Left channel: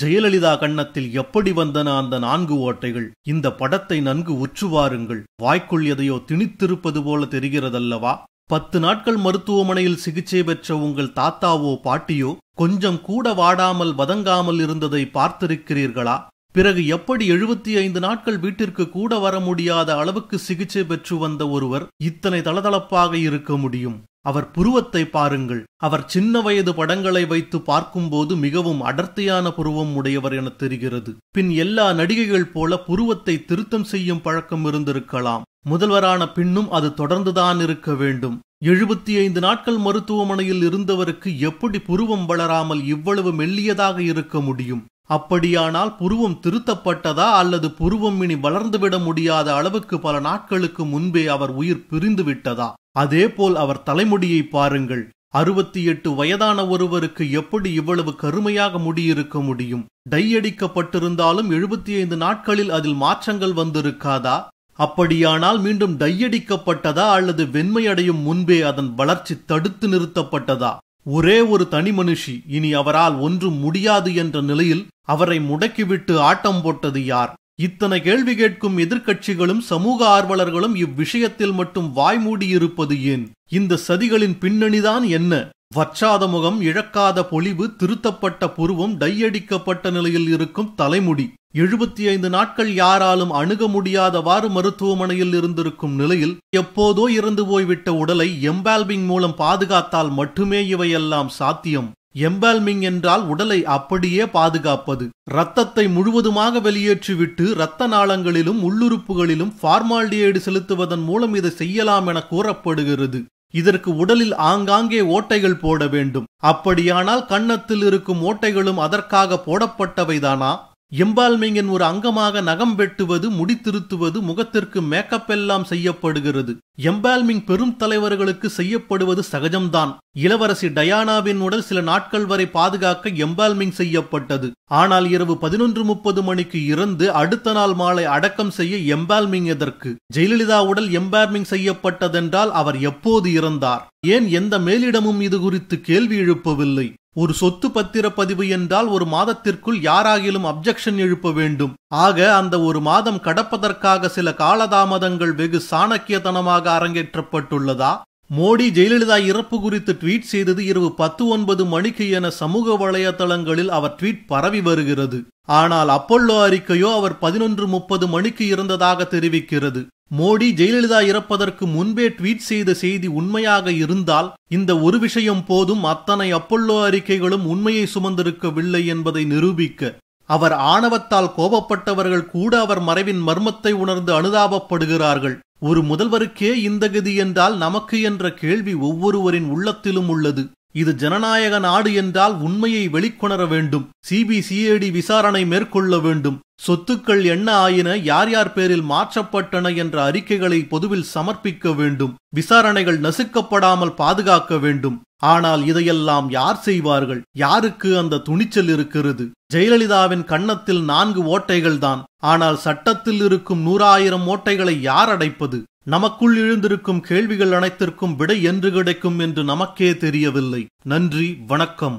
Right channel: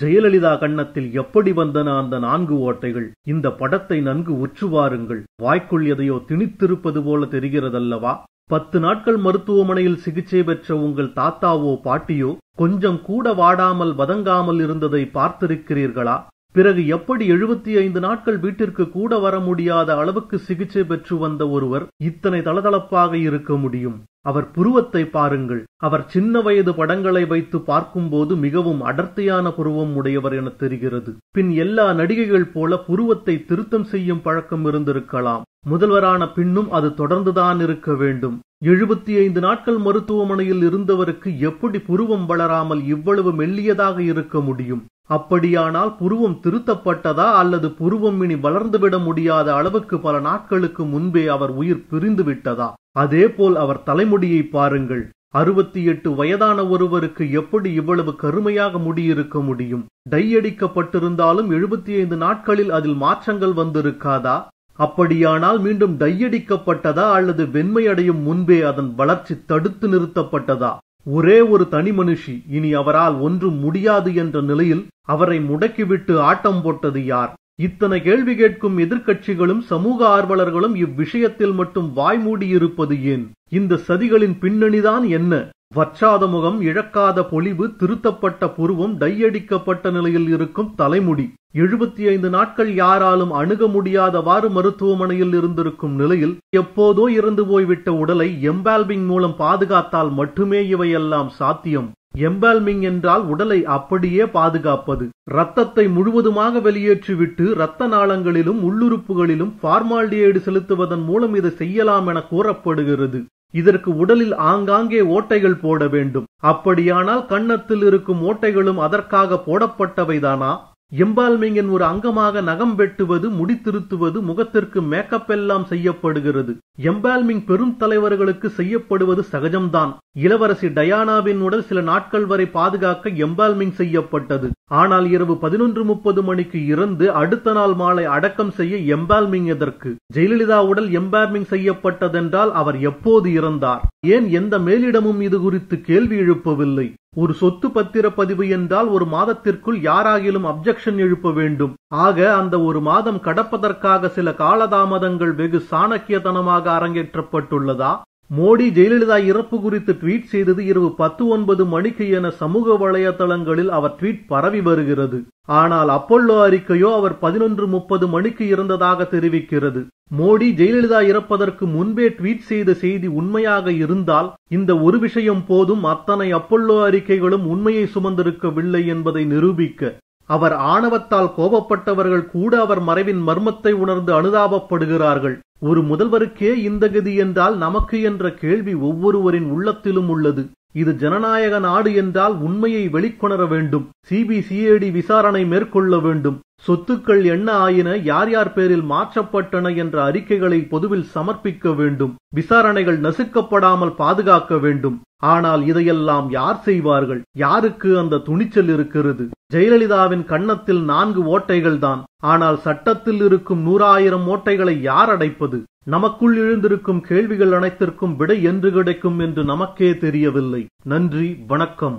ஜெயலலிதா கன்னத்தில் எப்படி வந்தன அந்த 4 ஓட்டைகள்? இந்த படத்தை நன்கு உற்றுவாருங்கள். வாய்க்குள் எதையோ திணித்திருப்பது போல தெரிகிறதல்லவா? 10 நாட்கள் மருத்துவமனையில் சிகிச்சை பெற்ற உங்கள் தாத்தாவோ பாட்டியோ கொஞ்சம் கூட வாடாமல் வதங்காமல் இருந்ததை பார்த்திருக்கிறீர்களா? பிறகு எப்படி 75 நாட்கள் வீட்டிற்கு கூட வர முடியாத அளவுக்கு சிகிச்சை பெற்று வந்த ஒருவர் இத்தனை தளதளப்பாக இருக்க முடியும்? அவர் புருவத்தை பாருங்கள். அவர் சின்ன வயது படங்களை வைத்து பார்க்கும்போது மிகவும் அடர்த்தியான புருவம் உடையவர் என தெரிகிறது. பின் எல்லா நடிகைகள் போல புருவத்தை திருத்தம் செய்யும் பழக்கம் இருந்திருக்கலாம். முதல்வரான பின்னும் அது தொடர்ந்துதான் இருக்க வேண்டும். 75 நாட்கள் மருத்துவமனையில் இருந்தவருக்கு எப்படி புருவம் வளராமல் இவ்வளவு மெல்லியதாக இருக்க முடியும்? அப்படியானால் புருவம் திருத்தப்பட்டதா அல்லது புருவம் இனி வளர்ந்துவிட முடியாத அளவுக்கு பல நாட்களுக்கு முன்பே அவர் உயிர் பிரிந்து விட்டதா? அதேபோல் அவர் தலைமுடியை பாருங்கள். 68 வயதான ஒருவருக்கு எப்படி இவ்வளவு கருமையாக முடியிருக்க முடியும்? டை அடிக்கப்பட்டிருந்தாலும் 75 நாட்களில் அதில் மாற்றங்கள் வந்திருக்காதா? அப்படியானால் மீண்டும் டையடிக்கப்பட்டதா அல்லது வெண்மையடையும் முன்பே அதன் வளர்ச்சி தடுத்து நிறுத்தப்பட்டதா? ஒரே ஒரு தனி மனுஷி இனி அவரால் ஒன்றும் முடியாது என்ற நிலையில் அவரை முடக்கிவிட்டு ஆட்டம் போட்டது யார்? இத்தனை கேள்வி கேட்கும் எதிர்க்கட்சிகளும் சமூக ஆர்வலர்களும் இவ்விஷயத்தில் மட்டும் வாய்மூடியிருப்பது ஏன்? இந்த சதிகளின் பின்னணிதான் என்ன? வற்றாத முகம், இழக்காத பொலிவு, திருத்தப்பட்ட புருவம், டையடிக்கப்பட்ட நிலையில் இருக்கும் தலைமுடி. 75 நாட்கள் யாராலும் அணுக முடியாதவாறு மருத்துவமனையில் இருந்திருக்கும் நிலையில் எப்போதோ இறந்து போய்விட்ட உடலை எம்பால்மிங் மூலம் பாதுகாத்தால் மட்டுமே இவையெல்லாம் சாத்தியம். எம்பால்மிங் என்றால் உடலை அப்படியே பாதுகாப்பது. இரத்தத்தை முழுவதுமாக வெளியேற்றிவிட்டு இரத்த நாளங்களிலும் உள்ளுறுப்புகளிலும் ஃபார்மால்டிஹைடு செலுத்துவதன் மூலம் இதை செய்யலாம் என கூறப்படுகிறது. இதற்கு உடலில் ஆங்காங்கே ஓட்டைகள் போட வேண்டும். அப்படியானால் கன்னத்தில் இருக்கும் ஓட்டைகளும் அதற்காக போடப்பட்டவைதானா? எம்பால்மிங்கின் ஒரு அங்கமாக நகம் வெட்டுவது, முடித்திருத்துவது, முகத்திற்கு மேக்கப் எல்லாம் செய்யப்படுகிறது. எம்பால்மிங் பெரும் தலைவர்களுக்கு செய்யப்படுவது சகஜம்தான். இளவரசி டயானாவின் உடல் சில நாட்கள் வரை பாதுகாக்க எம்பால்மிங் செய்யப்பட்டது. ஆனால் இரவு 11:30 மணிக்கு இறந்து அடுத்த நாள் மாலை அடக்கம் செய்ய எம்பால்மிங் எதற்கு? ஜெயலலிதா உடல் எம்பால்மிங் செய்யப்பட்டதென்றால் அவர் எப்போது இறந்தார்? ஏன் எந்த மேலிடமும் இது குறித்து கேள்வி எழுப்பவில்லை? ஒரு சொத்து பத்திர பதிவு என்றால் ஒரு மாதத்திற்குள் யாராகிலும் அப்ஜெக்ஷன் எழுப்ப வேண்டும். ஆக அந்த ஒரு மாதம் கடப்பதற்காக சில காலதாமதங்கள் வெகு சாணக்கியத்தனமாக அரங்கேற்றப்பட்டுள்ளதா? மோடி ஜெயலலிதா இறப்பு குறித்து ட்வீட் செய்தது இரவு 10:09 மணிக்கு என சமூக வலைதளங்களில் அவர் ட்வீட் பரவி வருகிறது. ஆனால் அப்பல்லோ அறிக்கையோ அவர் 11:30 மணிக்கு இறந்ததாக தெரிவிக்கிறது. மோடி ஜெயலலிதா இறப்பதற்கு முன்பே ட்வீட் செய்த செய்தி உண்மையாக இருந்தால் இந்த ஒரு விஷயம் போதும். அத்தனை அப்பல்லோ அறிக்கைகளும் உண்மையை சுமந்திருக்கவில்லை என்பதை நிரூபிக்க. அவர் ஆணவத்தால் கோபப்பட்டவர்கள் கூட அவர் மறைவின் மர்மத்தை உணர்ந்து அனுதாபப்படுகிறார்கள். ஒரு முதல்வருக்கே இந்த கதி என்றால் நமக்கு என்ற கேள்வி ஒவ்வொருவரின் உள்ளத்திலும் உள்ளது. இது ஜனநாயக நாடு என்றால் உண்மையை வெளிக்கொணர வேண்டும். சிபிசிஐடி விசாரணை மேற்கொள்ள வேண்டும். சொத்துக்கள் என்ன ஆயின, யார் யார் பேரில் மாற்றப்பட்டன என்ற அறிக்கைகளை பொதுவில் சமர்ப்பிக்க வேண்டும். விசாரணைகள் நசுக்கப்படாமல் பாதுகாக்க வேண்டும். ஆனால் இதையெல்லாம் யார் செய்வார்கள்? யாருக்கு அந்த துணிச்சல் இருக்கிறது? ஜெயலலிதாவின் கன்னத்தில் 4 ஓட்டைகள் தான். ஆனால் சட்டத்தில் இருக்கும் 100,000 ஓட்டைகளை யார் அடைப்பது? நமக்குள் எழுந்திருக்கும் கேள்விகள் அனைத்திற்கும் விடை என்று கிடைக்கும் என்று நமக்கே தெரியவில்லை. நன்றி, வணக்கம்.